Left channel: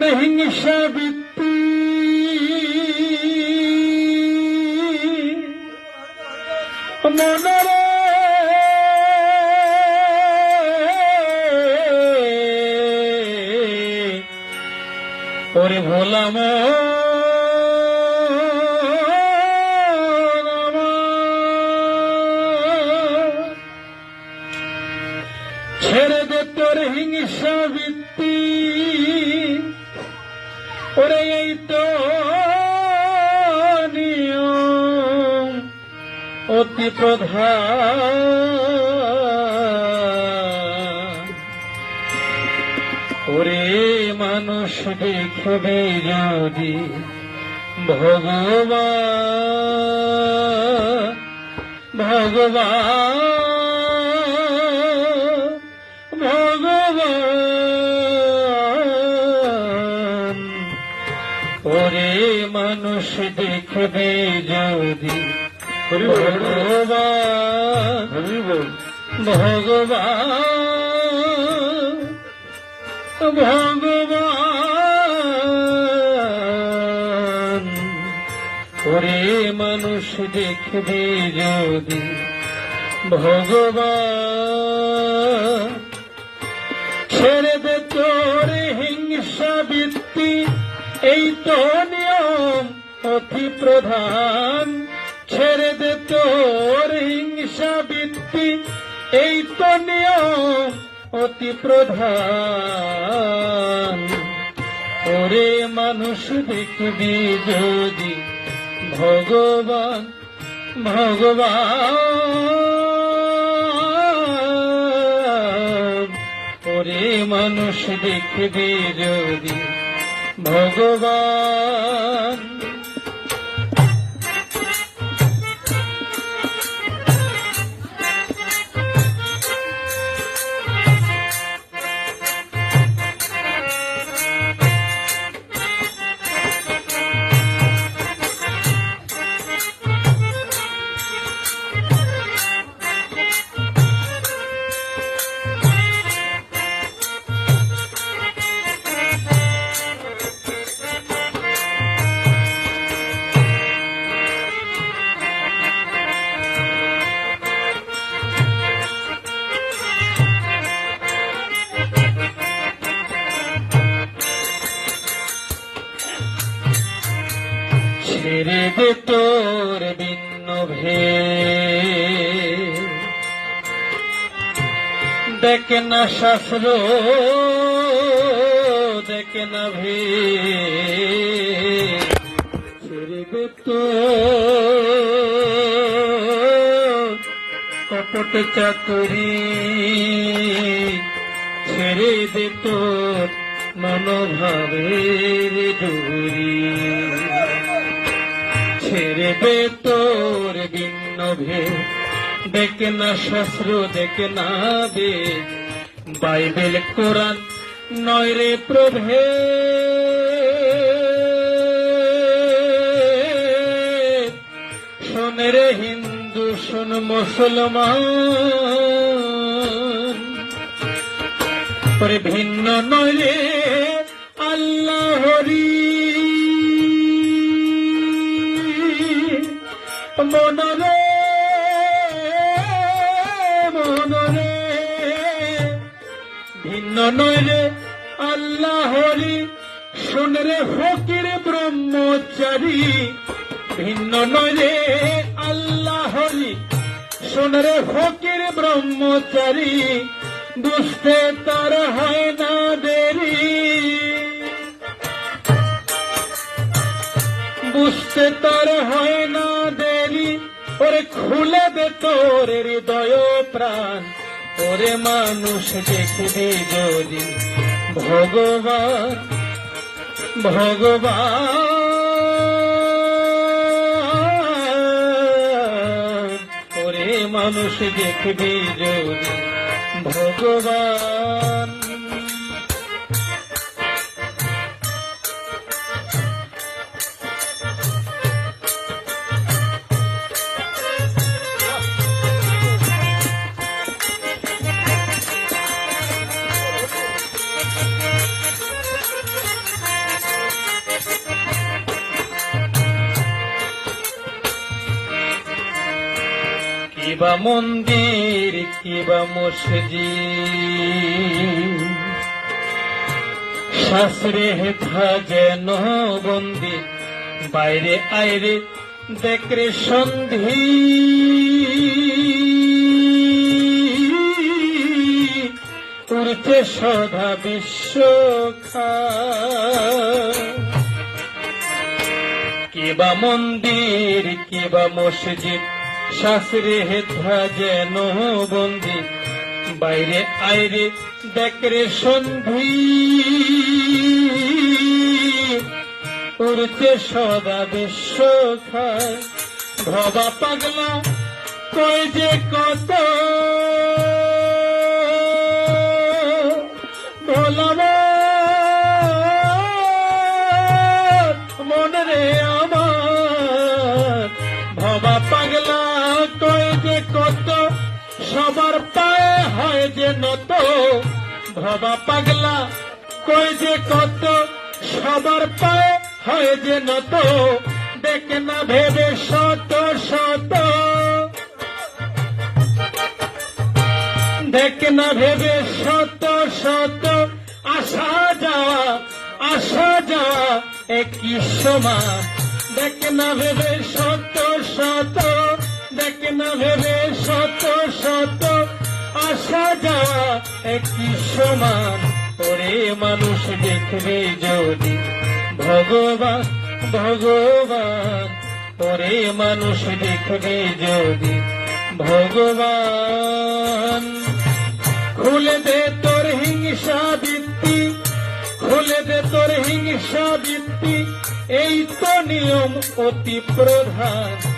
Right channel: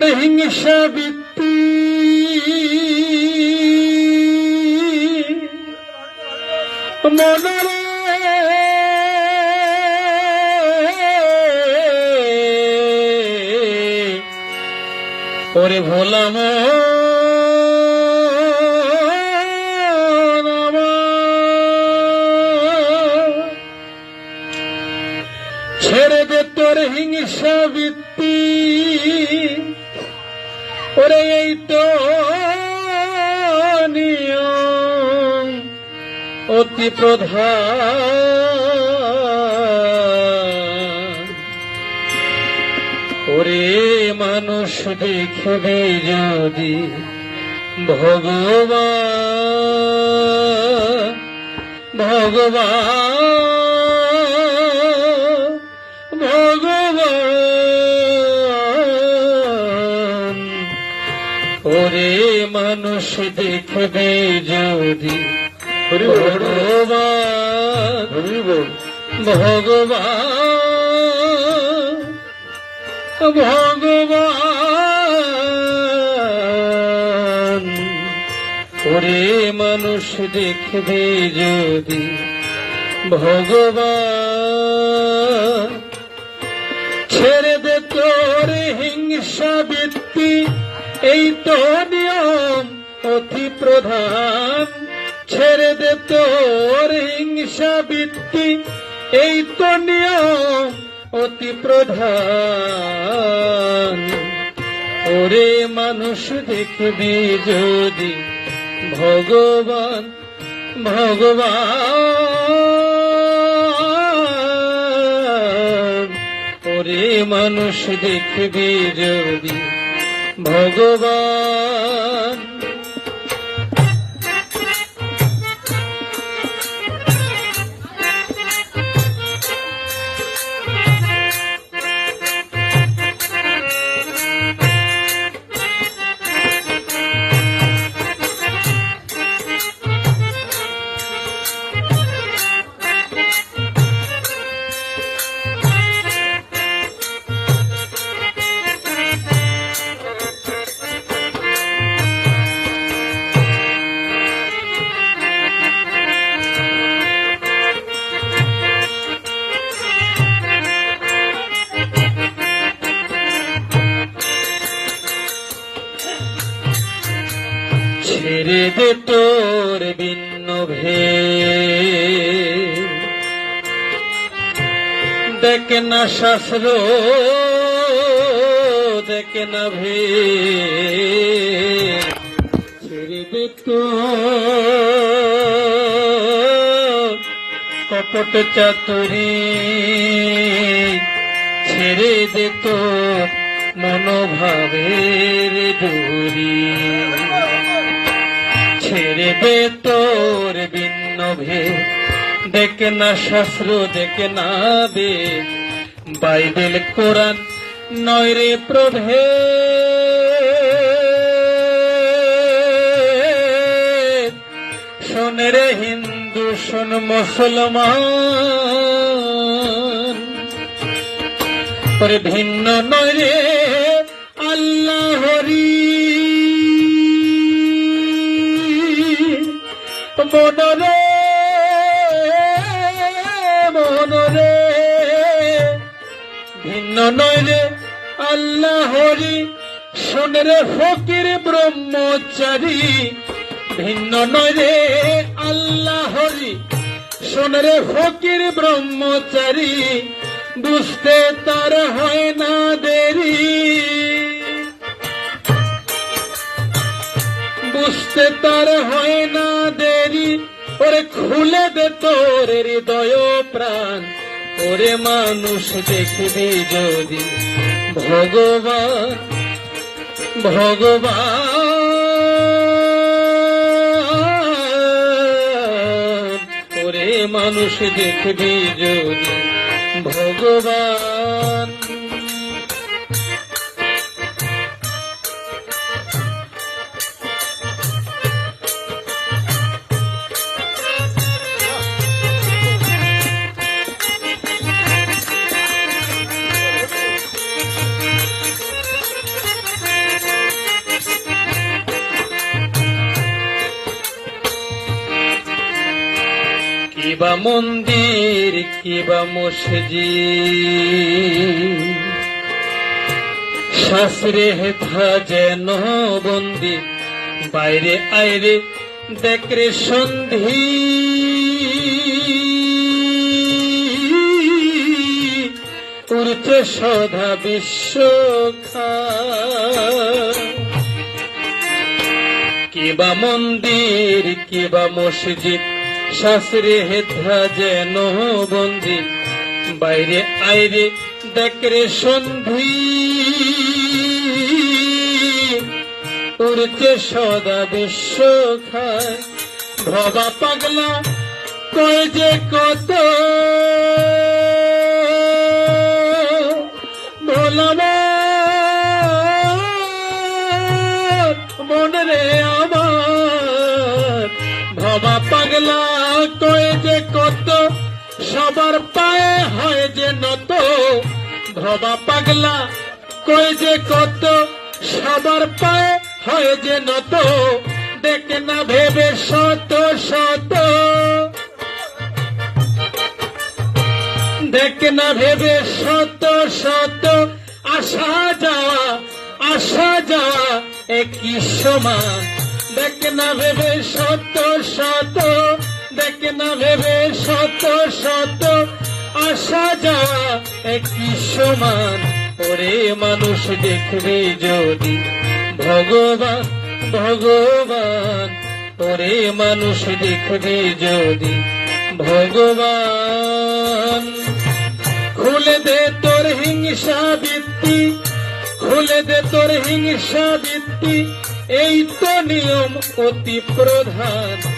হিংসা বৃত্তি। মনরে ওরে ভোলাম ছেড়ে দে তোর হিংসা বৃত্তি। ওরে এই তো নিয়ম অতি প্রধান। ওরে মানুষ দেখবে যদি ভগবান ভগবান ভগবান। মানুষ দেখবে যদি ভগবান ভগবান ভগবান। ওরে মানুষ দেখবে যদি ভগবান। ছেড়ে দে তোর হিংসা বৃত্তি এই তো নিয়ম প্রধান ছেড়ে দে তোর হিংসা বৃত্তি, এই তো অতি প্রধান। ওরে মানুষ দেখবি যদি ভগবান ভগবান। ওরে মানুষ দেখবি যদি ভগবান তোর ভিন্ন ভে দেখ না শাস্ত্র দেখ না ভে তো। কপট চাতুরি। ছেড়ে দে তো মনোভাবের দূরী। দে তোর ভিন্ন ভে দেখে না শাস্ত্র, দেখে না বে বাইবেল, কোরআন নয় রে প্রভে। শোন রে হিন্দু, শোন মুসলমান। করে ভিন্ন নয় রে ফকির ব্রহ্মচারী। ভিন্ন নয় রে আল্লাহ হরি। শুন রে ফকির ব্রহ্মচারী, বুঝতে তার হয় না দেরি। বুঝতে তার হয় না দেরি। ওরে খুলে দে তোর হৃদয় প্রাণ। ওরে মানুষ দেখবে যদি ভগবান ভগবান মানুষ দেখবি যদি ভগবান। মন্দির কিবা মসজিদ? শাস্ত্রে হেথা যেন বন্দি, বাইরে আইরে দেখরে সন্ধি। উড়ছে সদা বিশ্ব কিবা মন্দির কিবা মসজিদ শাস্ত্রে হেথা যেন বন্দি বাইরে আইরে দেখরে সন্ধি। উড়তে সদা বিশ্ব খায় ভবা পাগলা কই যে কত সবার পায়ে হয় যে নত ভবা পাগলা কই যে কত, সবার পায়ে হয় যে নত, দেখে না ভেবে শত শত। দেখে না ভেবে শত শত আসা যাওয়া আসা যাওয়া একই সমান দেখে না ভেবে শত শত দেখে না ভেবে শত শত আসা যাওয়া একই সমান। ওরে মানুষ দেখবে যদি ভগবান ভগবান। ওরে মানুষ দেখবে যদি ভগবান। খুলে দে তোর হিংসা বৃত্তি, খুলে দে তোর হিংসা বৃত্তি। এই তো নিয়ম অতি প্রধান।